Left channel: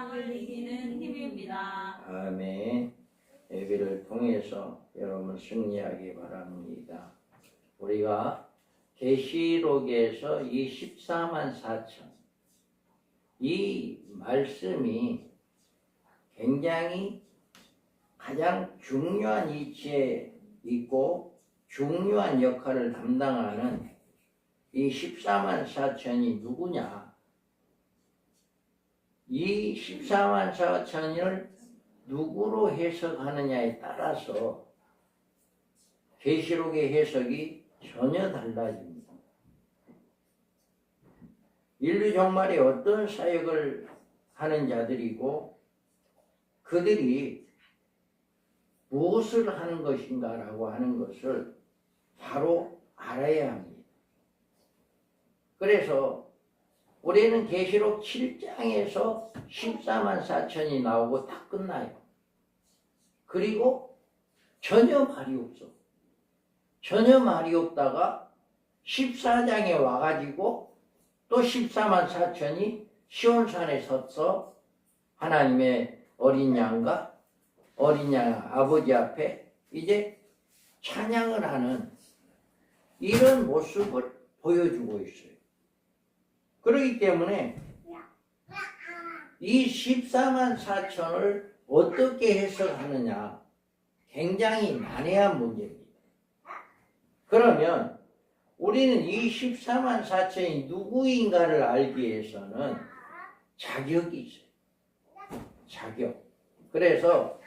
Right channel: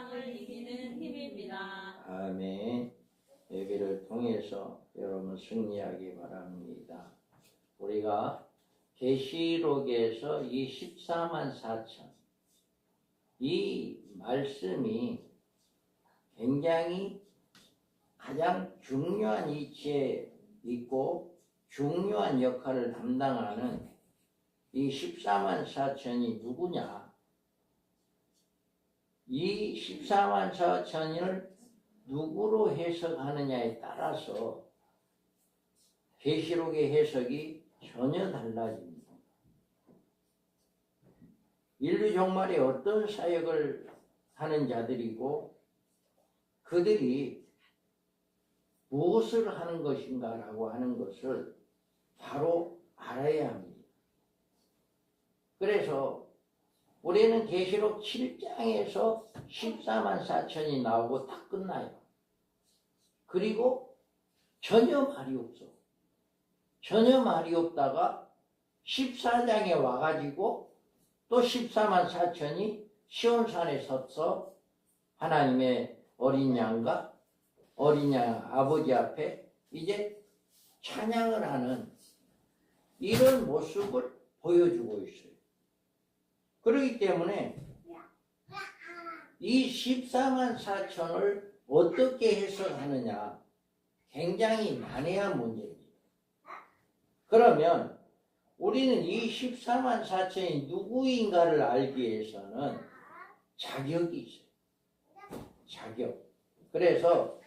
세상을 이기는 힘입니다. 아멘. 예배를 통해서 여러분 승리하기 바랍니다. 우리가 계시록에서 이 14만 4천 이 말씀이 굉장히 가장 중요한 위치에 있고 중요한 역할을 담당하는 이 14만 4천이 누구냐? 이 14만 4천을 누구로 해석하느냐에 따라서 계시록의 해석이 전혀 달라집니다. 인류 종말에 어떤 사역을 하는 자들이고 그들이 무엇을 하는 것인가라고 하는 것을 바로 알아야 합니다. 그래서 우리는 계시록 7장에서 14만 4천이 나오고 다 끝나요. 그리고 전혀 말이 없어. 전혀 말이 없다가 14장에 와가지고 또 14만 4천이 시온산에 섰어 하나님의 어린 양과 어린 양 아버지 앞에 이제 찬양을 하는 이런 모습을 보여주고 있어요. 그렇기 때문에 이 14만 4천을 어떻게 해석하느냐 굉장히 난해한 문제입니다. 그러면 우리는 이 14만 4천이 누구인가를 알기 위해서는 자격이 있어요. 자격. 그래서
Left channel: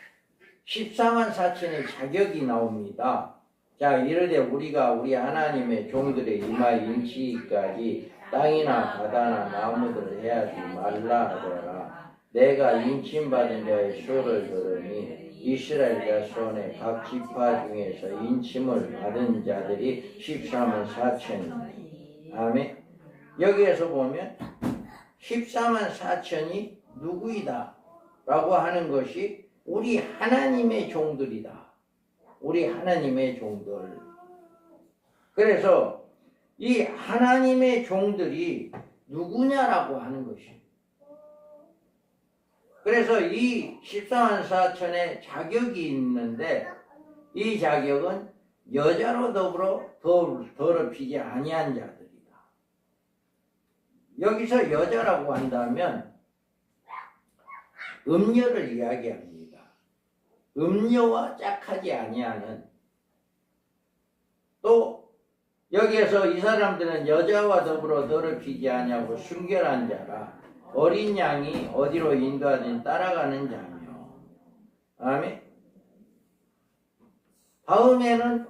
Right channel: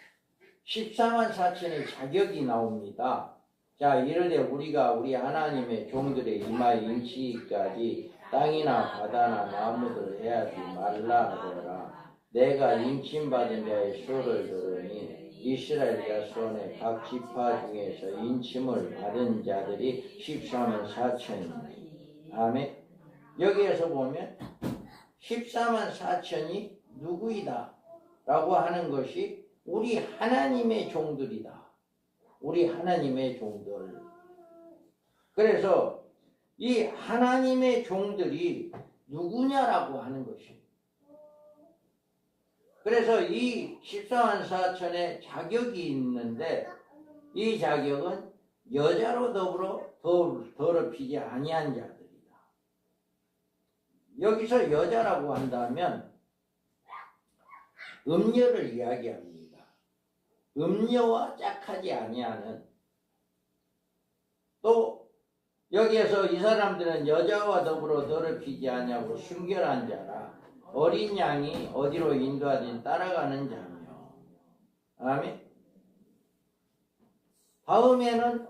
14만 4천의 자격이 나옵니다. 자, 이르되 우리가 우리 하나님의 종들의 이마에 인치기까지 땅이나 바다나 나무들을 해하지 말라 하더라. 내가 인침받은 자의 수를 들으니 이스라엘 자손의 각 지파 중에서 인침을 받은 자들이 14만 4천입니다. 아멘. 여기에서 보면 14만 4천이 누구이다 라고 하는 것이 우리 하나님의 종들이다. 우리 하나님의 종들. 그래서 이 하나님의 종들이 누구냐라고 하는 것입니다. 그래서 이 14만 4천의 자격이 있는데 이 자격은 여자로 더불어 더럽히지 아니한 자들이다. 여기서 여자라고 한다면 음녀를 이야기합니다. 음녀와 짝하지 아니하는 또 여기에서 이 사람들은 여자와 더불어 더럽히지 아니하고 순결한 자라 어린 양이 어디로 인도하든 따라가는 자며. 아멘. 다음에는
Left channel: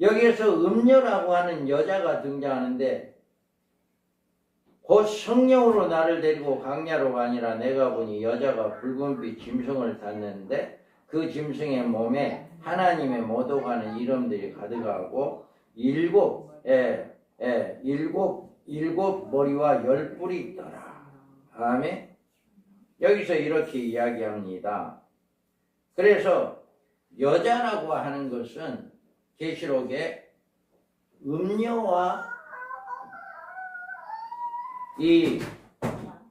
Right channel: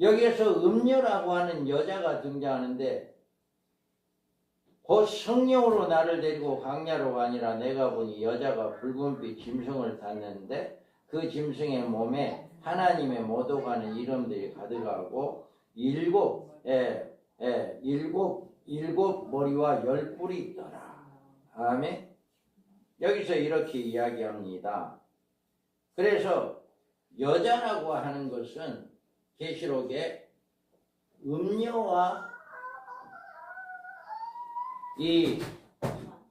여기에서 음녀라고 하는 여자가 등장하는데 곧 성령으로 나를 데리고 광야로 가니라. 내가 보니 여자가 붉은빛 짐승을 탔는데 그 짐승의 몸에 하나님의 모독하는 이름들이 가득하고 일곱 머리와 10뿔이 있더라. 아멘. 여기서 이렇게 이야기합니다. 그래서 여자라고 하는 것은 계시록에 음녀와 이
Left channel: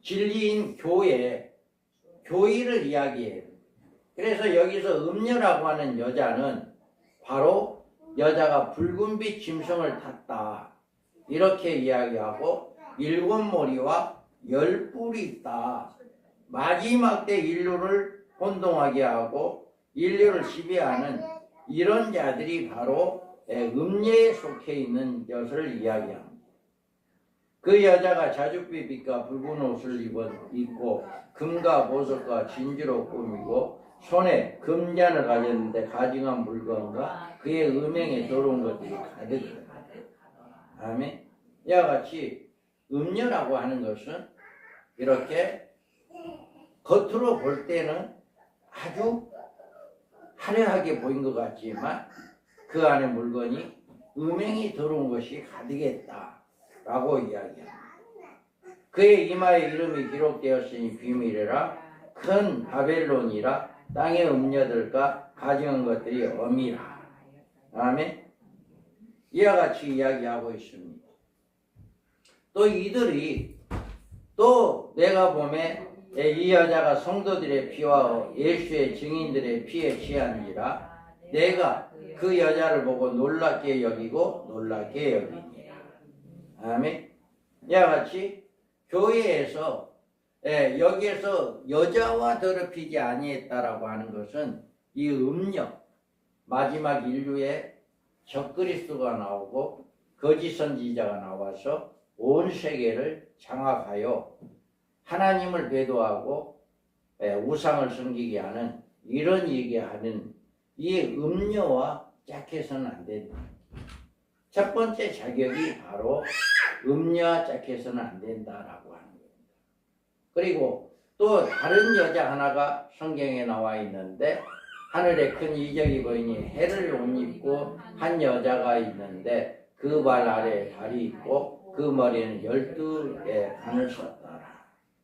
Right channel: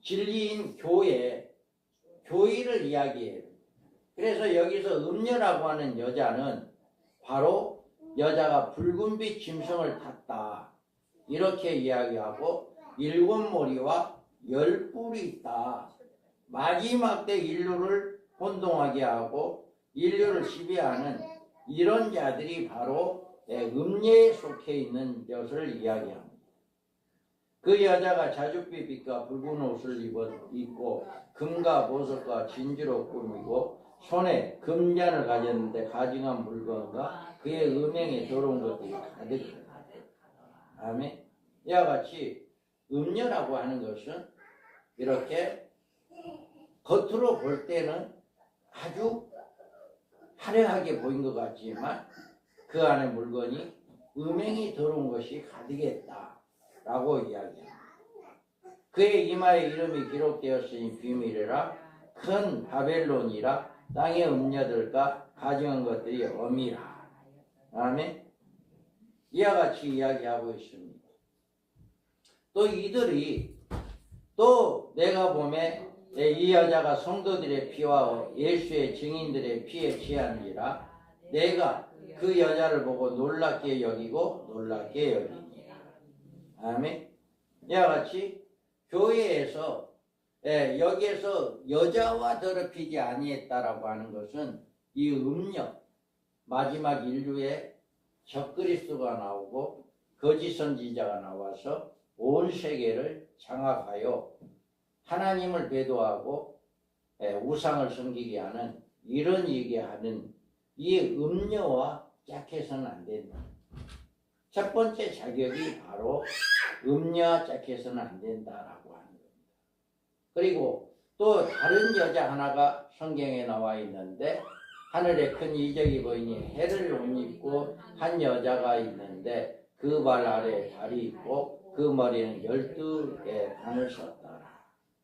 진리인 교회를 이야기해요. 그래서 여기서 음녀라고 하는 여자는 바로 여자가 붉은빛 짐승을 탔다 이렇게 이야기하고 7머리와 10뿔이 있다. 마지막 때 인류를 혼동하게 하고 인류를 지배하는 이런 자들이 바로 음녀에 속해 있는 것을 이야기합니다. 그 여자가 자줏빛 빛과 붉은 옷을 입고 금과 보석과 진주로 꾸미고 손에 금잔을 가졌는데 가증한 물건과 그의 음행에 더러운 것들이 가득하다. 아멘. 이와 같이 음녀라고 하는 것은 이렇게 겉으로 볼 때는 아주 화려하게 보인 것 같지만 그 안에 물건이 음행이 더러운 것이 가득했다 라고 이야기합니다. 그의 이마에 이름이 기록되었으니 비밀이라 큰 바벨론이라 땅의 음녀들과 가증한 것들이 엄이라. 아멘. 이와 같이 이야기하고 있습니다. 또 이들이 또 내가 보면 이 여자가 성도들의 피와 예수의 증인들의 피에 취한지라 내가 그 여자를 보고 놀랍게 여기고 놀랍게 여기니. 아멘. 이와 같이 교회에서 여기에서 여자와 더럽히지 아니했다라고 하는 것은 이 음력 마지막 인류에 적그리스도가 나오고 거짓 선지자가 나와서 온 세계를 장악하여 하나님을 배도하고 우상을 섬기게 하는 이런 얘기하는 이 음녀와 짝해서는 안 된다. 첫 번째 자격이 바로 음녀와 짝해서는 안 된다라고 하는 겁니다. 그리고 또 다른 여자 하나가 성경에 나와 있는데 하늘에 큰 이적이 보이니 해를 옷 입고 한 여자가 있는데 그 발 아래에 달이 있고 그 머리에는 12개 관을 썼더라.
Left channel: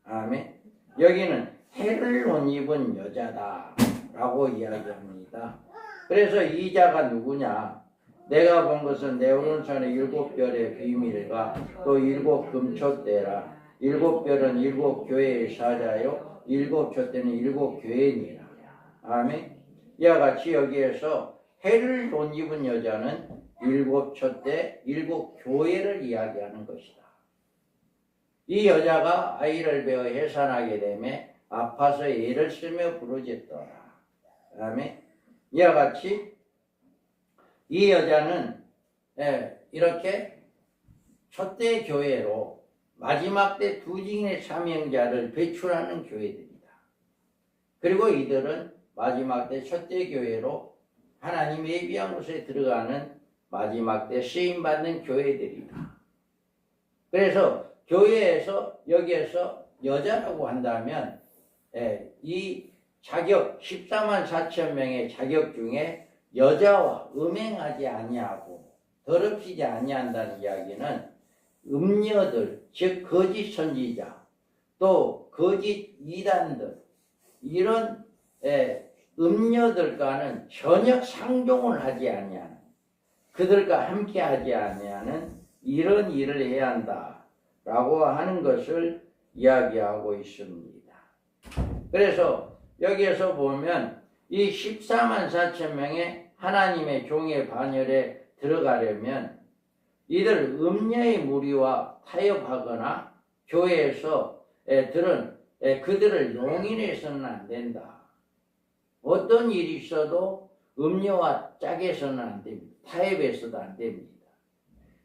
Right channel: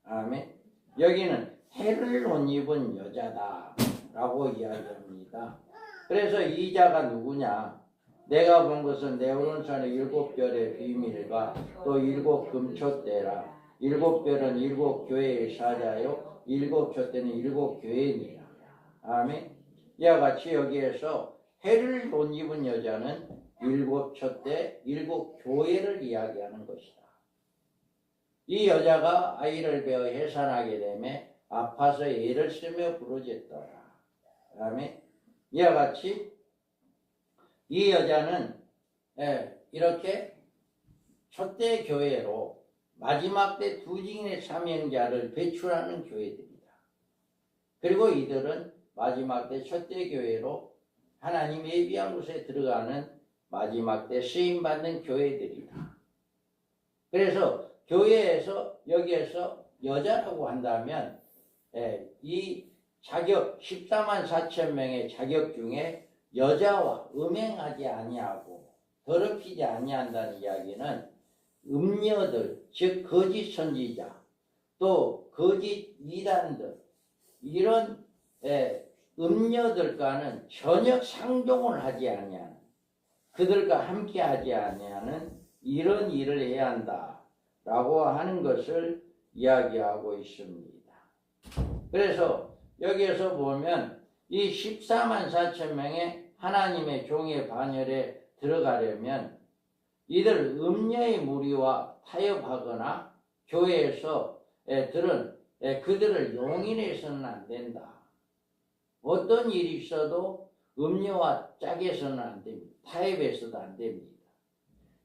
아멘. 여기는 해를 못 입은 여자다라고 이야기합니다. 그래서 이 자가 누구냐? 내가 본 것은 내 오른손에 7별의 비밀과 또 7금촛대라. 7별은 7교회의 사자요 7촛대는 7교회니라. 아멘. 이와 같이 여기에서 해를 못 입은 여자는 7촛대 7교회를 이야기하는 것이다. 이 여자가 아이를 베어 해산하게 되매 아파서 애를 쓰며 부르짖더라. 아멘. 이와 같이 이 여자는 이렇게 촛대 교회로 마지막 때 두 증인의 사명자를 배출하는 교회들이다. 그리고 이들은 마지막 때 촛대 교회로 하나님의 예비한 곳에 들어가는 마지막 때 쓰임받는 교회들이다. 그래서 교회에서 여기에서 여자라고 한다면 이 자격 14만 4천 명의 자격 중에 여자와 음행하지 아니하고 더럽히지 아니한다는 이야기는 음녀들 즉 거짓 선지자 또 거짓 이단들 이런 음녀들과는 전혀 상종을 하지 아니하는 그들과 함께 하지 아니하는 이런 일을 해야 한다라고 하는 것을 이야기하고 있습니다. 그래서 여기에서 보면 이 14만 4천 명의 하나님의 종의 반열에 들어가려면 이들 음녀의 무리와 타협하거나 교회에서 그들을 용인해서는 안 된다. 어떤 일이 있어도 음녀와 짝해서는 안 됩니다. 타협해서도 안 됩니다.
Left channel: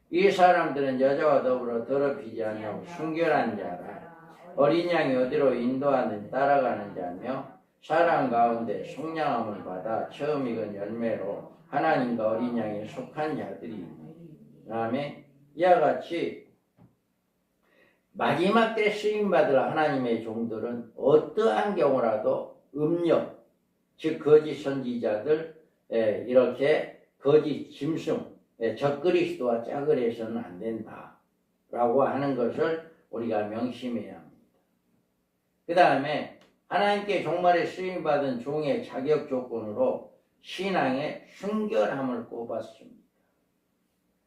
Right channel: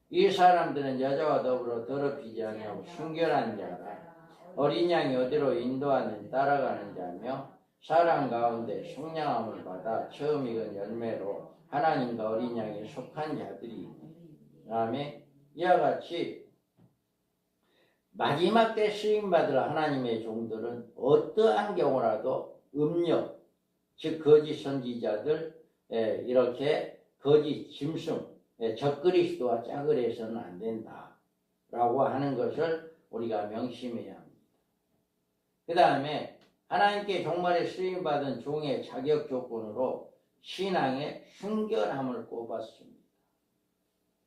이 사람들은 여자와 더불어 더럽히지 아니하고 순결한 자라 어린 양이 어디로 인도하는 따라가는 자며 사랑 가운데 속량함을 받아 처음 익은 열매로 하나님과 어린 양에 속한 자들이 그다음에 이와 같이 마지막 때 쓰임받을 하나님의 종들은 어떠한 경우라도 음녀 즉 거짓 선지자들 이렇게 거짓 짐승 적그리스도와 짝을 해서는 안 된다라고 하는 것을 우리가 명심해야 합니다. 그 다음에 하나님께 종말에 쓰임받은 종의 자격 조건으로 신앙의 순결함을 꼽았습니다.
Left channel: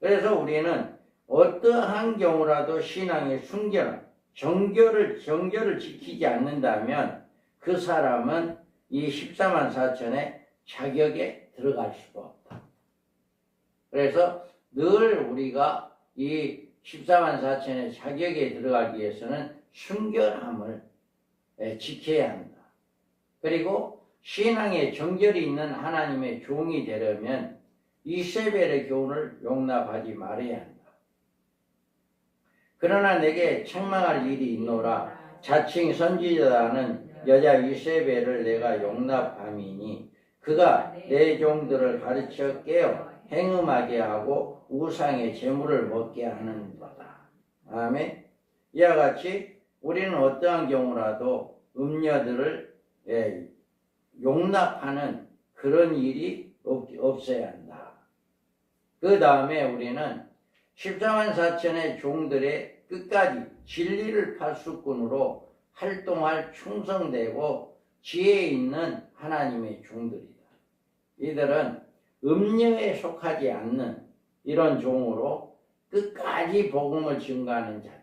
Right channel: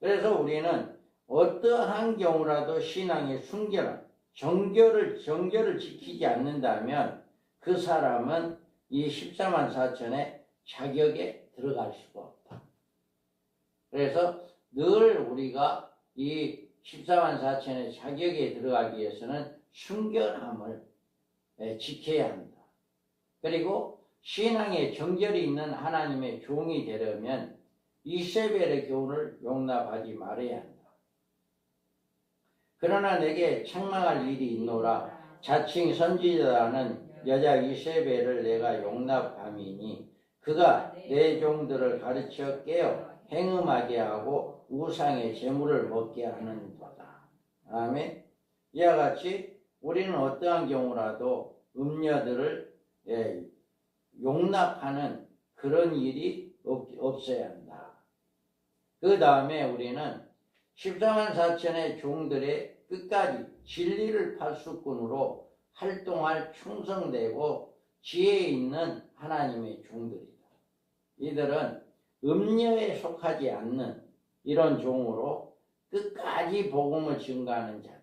그래서 우리는 어떠한 경우라도 신앙의 순결함, 정결을 지키지 않는다면 그 사람은 이 14만 4천의 자격에 들어갈 수가 없다. 그래서 늘 우리가 이 14만 4천의 자격에 들어가기 위해서는 순결함을 지켜야 한다. 그리고 신앙에 정결이 있는 하나님의 종이 되려면 이세벨의 교훈을 용납하지 말아야 한다. 그러나 내게 책망할 일이 있노라. 자칭 선지자라는 여자 이세벨을 내가 용납함이니 그가 내 종들을 가르쳐 깨어 행음하게 하고 우상의 제물을 먹게 하는 거다. 아멘. 이와 같이 우리는 어떠한 경우라도 음녀들을 용납하는 그런 일이 없어야 한다. 그 다음에 우리는 14만 4천의 종들의 끝까지 진리를 파수꾼으로 활동할 충성되고 지혜 있는 하나님의 종들이다. 이들은 음녀에 속하지 않는 이런 종으로 끝까지 복음을 증거하는 자들,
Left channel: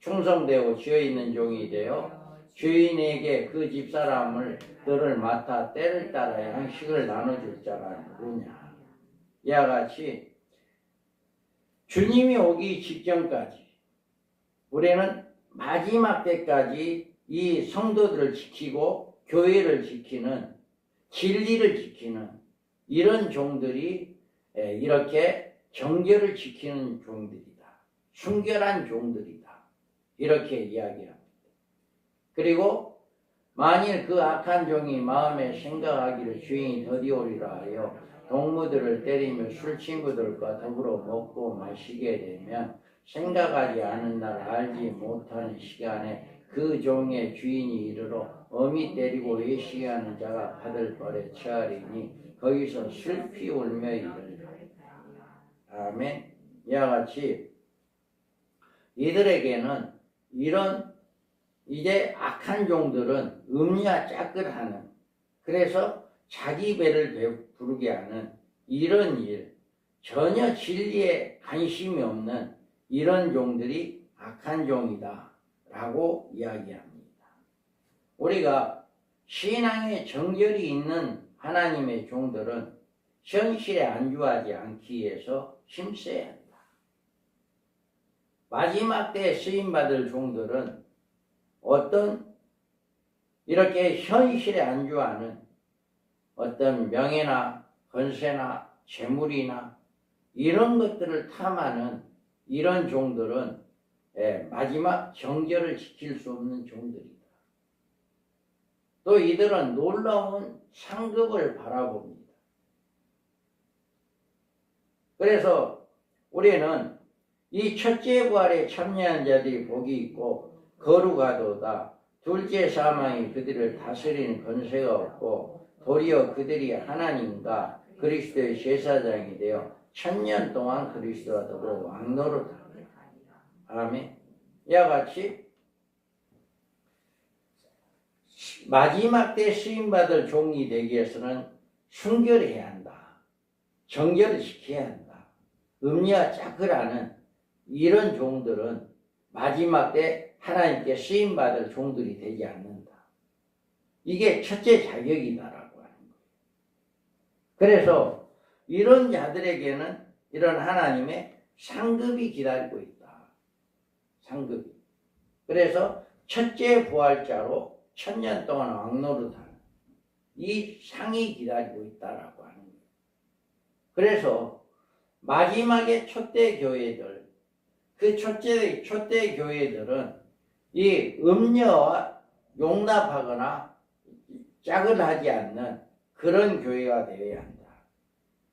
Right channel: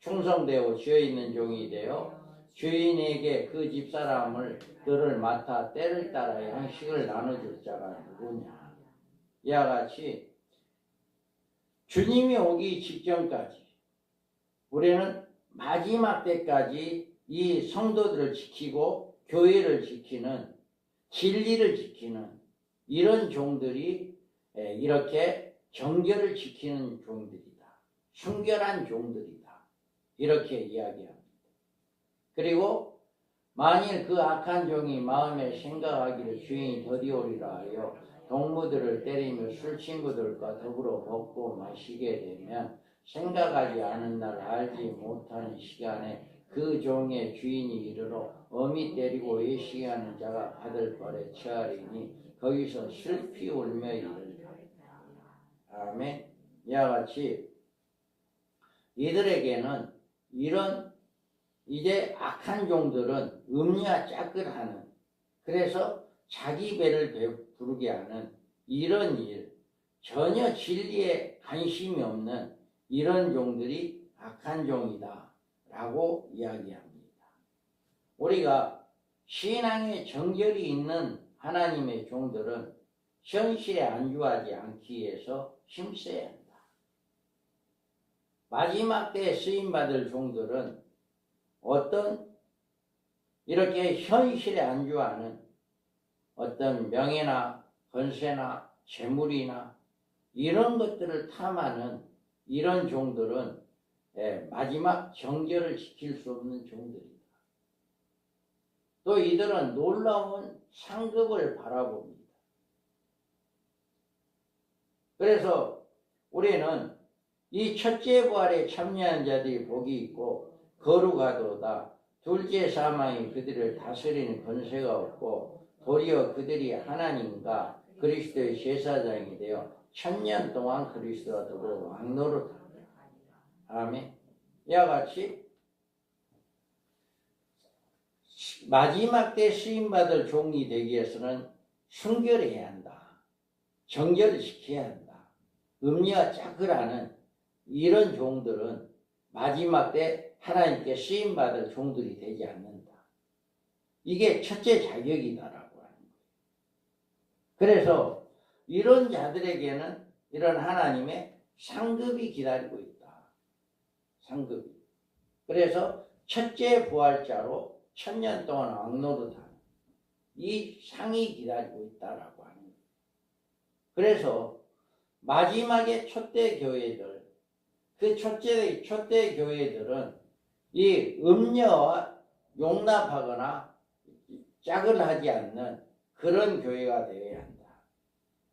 충성되고 지혜 있는 종이 되어 주인에게 그 집사람을 들을 맡아 때를 따라 양식을 나눠줄 자가 누구냐. 이와 같이 주님이 오기 직전까지 우리는 마지막 때까지 이 성도들을 지키고 교회를 지키는, 진리를 지키는 이런 종들이 이렇게 정결을 지키는 종들이다. 순결한 종들이다. 이렇게 이야기합니다. 그리고 만일 그 악한 종이 마음에 생각하기를 주인이 더디오리라 하여 동무들을 때리며 술 친구들과 더불어 먹고 마시게 되면 생각하지 않은 날 알지 못하는 시간에 그 종의 주인이 이르러 어미 때리고 외식하는 자가 받을 벌에 처하리니 거기서 슬피 울며 이르리라. 아멘. 이와 같이 이들에게는 이런 이제 악한 종들은 음리와 짝을 하는, 그래서 자기 배를 부르게 하는 이런 일, 전혀 진리에 관심이 없는 이런 종들이 악한 종이다 라고 이야기합니다. 우리가 신앙에 정결이 있는 하나님의 종들은 현실에 안주하지 않기 위해서 힘써야 한다. 마지막 때에 쓰임받을 종들은 어떤 이렇게 현실에 안주하는 어떤 명예나 권세나 재물이나 이런 것들을 탐하는 이런 종들은 마지막 정결을 지킬 수 없는 종들이다. 또 이들은 놀라운 상급을 바라봅니다. 그래서 우리는 이 첫째 부활에 참여한 자들이 복이 있고 거룩하도다. 둘째 사망이 그들을 다스리는 권세가 없고 도리어 그들이 하나님과 그리스도의 제사장이 되어 1000년 동안 그리스도와 더불어 왕노릇하리라. 아멘. 이와 같이 마지막 때 쓰임받을 종이 되기 위해서는 순결해야 한다. 정결을 지켜야 한다. 음리와 짝을 하는 이런 종들은 마지막 때 하나님께 쓰임받을 종들이 되지 않는다. 이게 첫째 자격이다라고 하는 거예요. 그래서 이런 자들에게는 이런 하나님의 상급이 기다리고 있다. 상급이. 그래서 첫째 부활자로 1000년 동안 왕노릇하는 이 상이 기다리고 있다라고 하는 거예요. 그래서 마지막에 초대 교회들, 그 초대 교회들은 이 음녀와 용납하거나 짝을 하지 않는 그런 교회가 되어야 한다.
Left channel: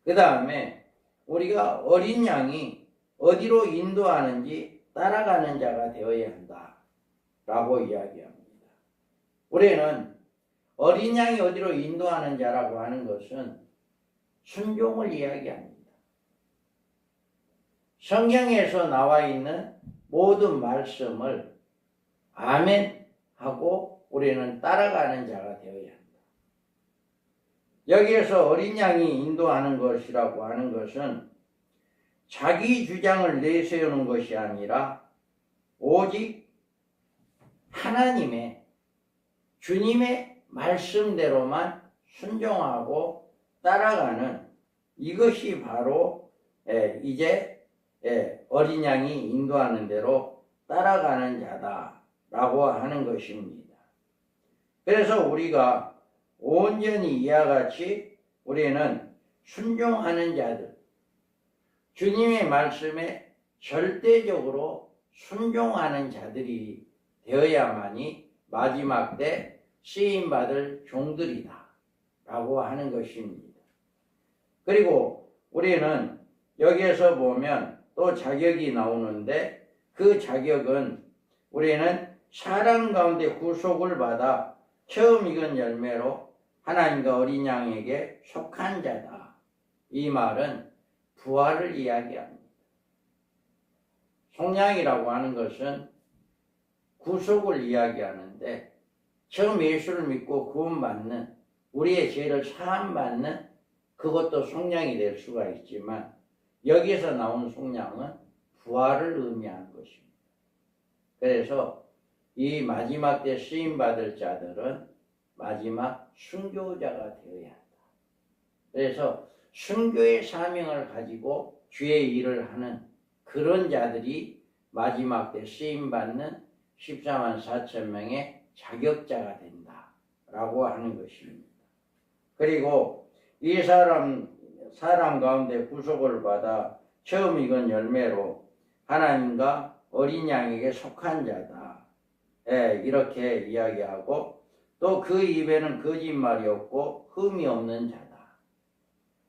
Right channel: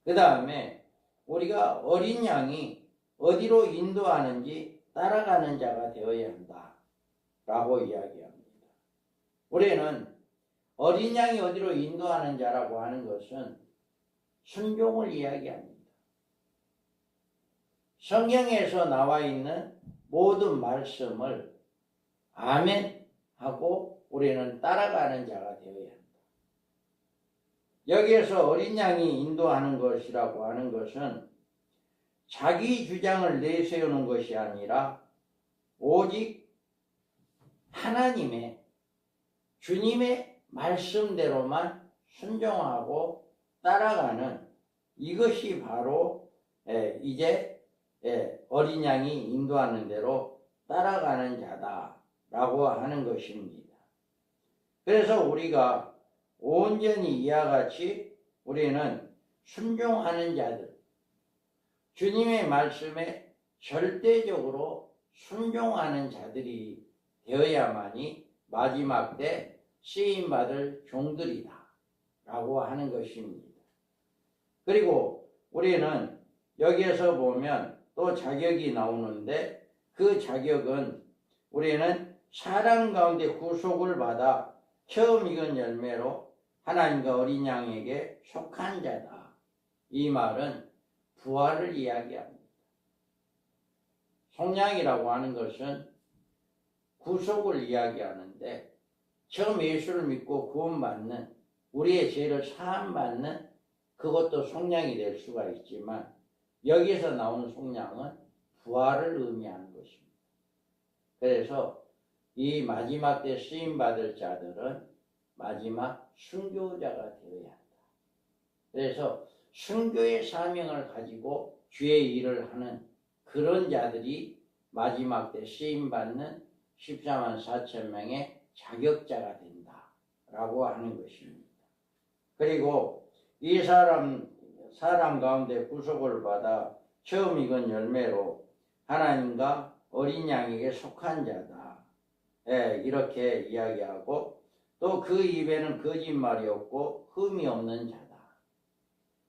그 다음에 우리가 어린 양이 어디로 인도하는지 따라가는 자가 되어야 한다 라고 이야기합니다. 우리는 어린 양이 어디로 인도하는 자라고 하는 것은 순종을 이야기합니다. 성경에서 나와 있는 모든 말씀을 아멘 하고 우리는 따라가는 자가 되어야 한다. 여기에서 어린 양이 인도하는 것이라고 하는 것은 자기 주장을 내세우는 것이 아니라 오직 하나님의 주님의 말씀대로만 순종하고 따라가는 이것이 바로 이제 어린 양이 인도하는 대로 따라가는 자다라고 하는 것입니다. 그래서 우리가 온전히 이와 같이 우리는 순종하는 자들, 주님의 말씀에 절대적으로 순종하는 자들이 되어야만이 마지막 때 쓰임받을 종들이다 라고 하는 것입니다. 그리고 우리는 여기에서 보면 또 자격이 나오는데 그 자격은 우리는 사랑 가운데 구속을 받아 처음 익은 열매로 하나님과 어린 양에게 속한 자다. 이 말은 부활을 이야기합니다. 속량이라고 하는 것은 구속을 이야기하는데 처음 예수를 믿고 구원받는 우리의 죄를 사함받는 그것도 속량이 될 수가 있지만 여기서 나오는 속량은 부활을 의미하는 것입니다. 그래서 이 마지막 때 쓰임 받을 자들은 마지막 순교자가 되어야 한다. 그래서 순교의 사명을 가지고 주의 일을 하는 그런 자들이 마지막 때 쓰임 받는 14만 4천 명의 자격자가 된다라고 하는 것입니다. 그리고 이 사람 가운데 구속을 받아 처음 익은 열매로 하나님과 어린 양에게 속한 자다. 이렇게 이야기하고 또 그 입에는 거짓말이 없고 흠이 없는 자다.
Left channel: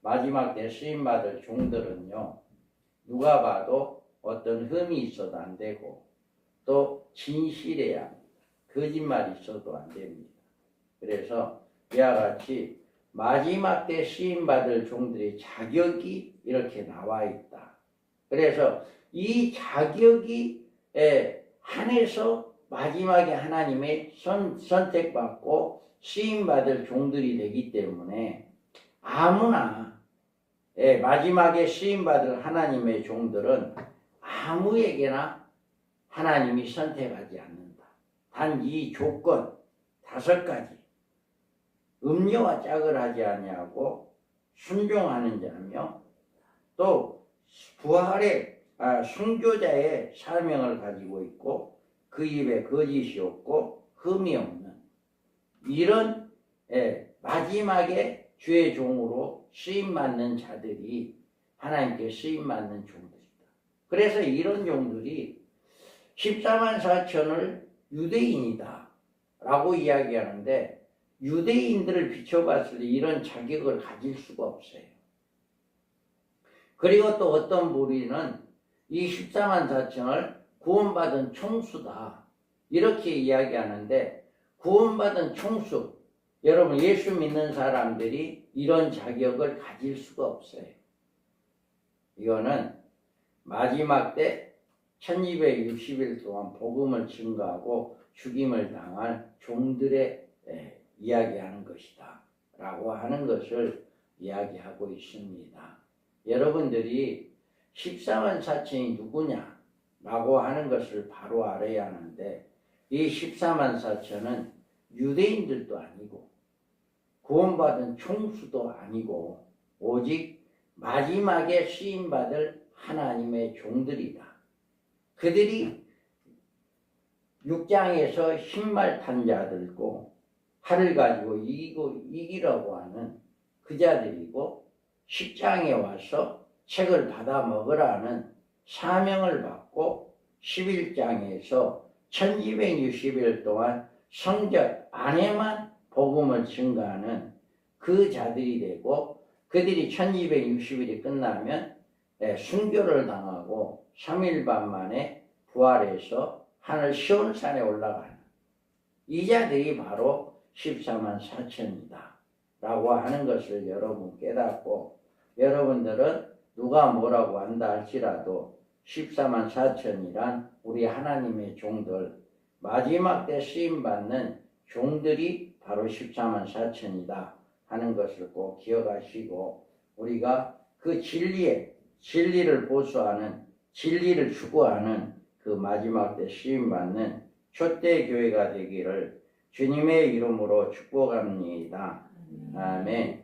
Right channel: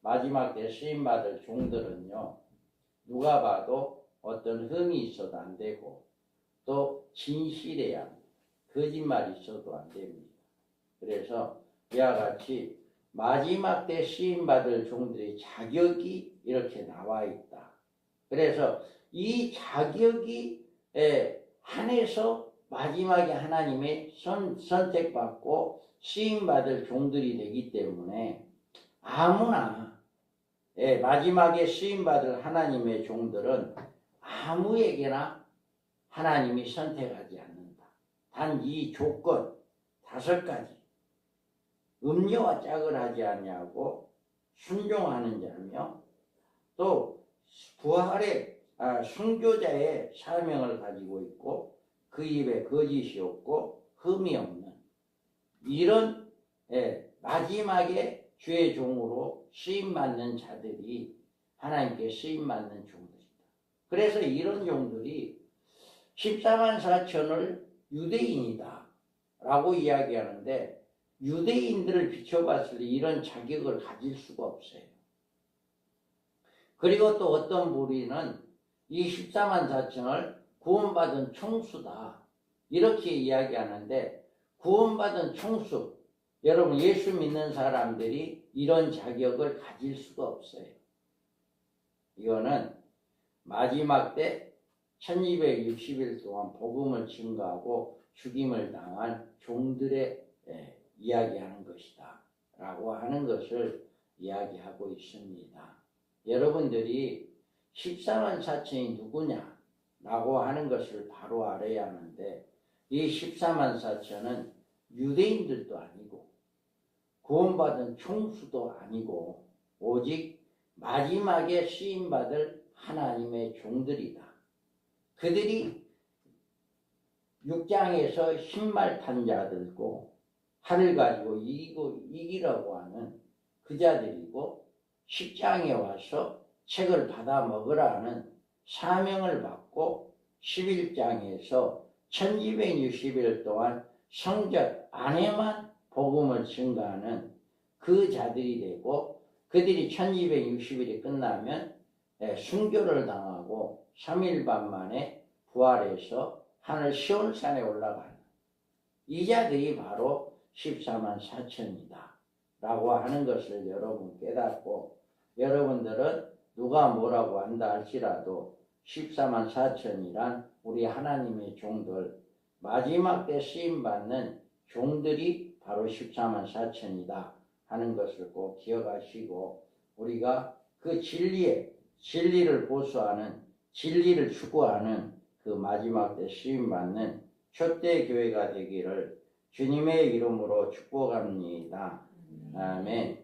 마지막 때 쓰임받을 종들은요, 누가 봐도 어떤 흠이 있어도 안 되고 또 진실해야 합니다. 거짓말이 있어도 안 됩니다. 그래서 이와 같이 마지막 때 쓰임받을 종들의 자격이 이렇게 나와 있다. 그래서 이 자격이 한해서 마지막에 하나님의 선택받고 쓰임받을 종들이 되기 때문에 아무나 마지막에 쓰임받을 하나님의 종들은 아무에게나 하나님이 선택하지 않는다. 단 이 조건 5가지. 음료와 짝을 하지 아니하고 순종하는 자며 또 부활의 순교자의 사명을 가지고 있고 그 입에 거짓이 없고 흠이 없는 이런 마지막에 주의 종으로 쓰임받는 자들이 하나님께 쓰임받는 종들이다. 그래서 이런 종들이 14만 4천을 유대인이다 라고 이야기하는데 유대인들을 비춰봤을 때 이런 자격을 가질 수가 없어요. 그리고 또 어떤 무리는 이 14만 4천을 구원받은 총수다 이렇게 이야기하는데 구원받은 총수, 여러분 예수 믿는 사람들이 이런 자격을 가질 수가 없어요. 이거는 마지막 때 1260일 동안 복음을 증거하고 죽임을 당한 종들의 이야기하는 것이다 라고 하는 것을 이야기하고 있습니다. 여러분들이 14만 4천이 누구냐 라고 하는 것을 바로 알아야 하는데 이 14만 4천은 유대인들도 아니고 구원받은 총수도 아니고 오직 마지막에 쓰임받을 하나님의 종들이다. 그들이 6장에서 흰말 탄 자들고 활을 가지고 이기려고 하는 그 자들이고 10장에 와서 책을 받아 먹으라는 사명을 받고 11장에서 1260일 동안 성전 안에만 복음을 증거하는 그 자들이 되고 그들이 1260일이 끝나면 순교를 당하고 3일 반 만에 부활해서 하늘 시온산에 올라가는 이 자들이 바로 14만 4천이다 라고 하는 것을 여러분 깨닫고 여러분들은 누가 뭐라고 한다 할지라도 14만 4천이란 우리 하나님의 종들 마지막 때 쓰임받는 종들이 바로 14만 4천이다 하는 것을 꼭 기억하시고 우리가 그 진리를 보수하는 진리를 추구하는 그 마지막 때 쓰임받는 초대 교회가 되기를 주님의 이름으로 축복합니다. 아멘.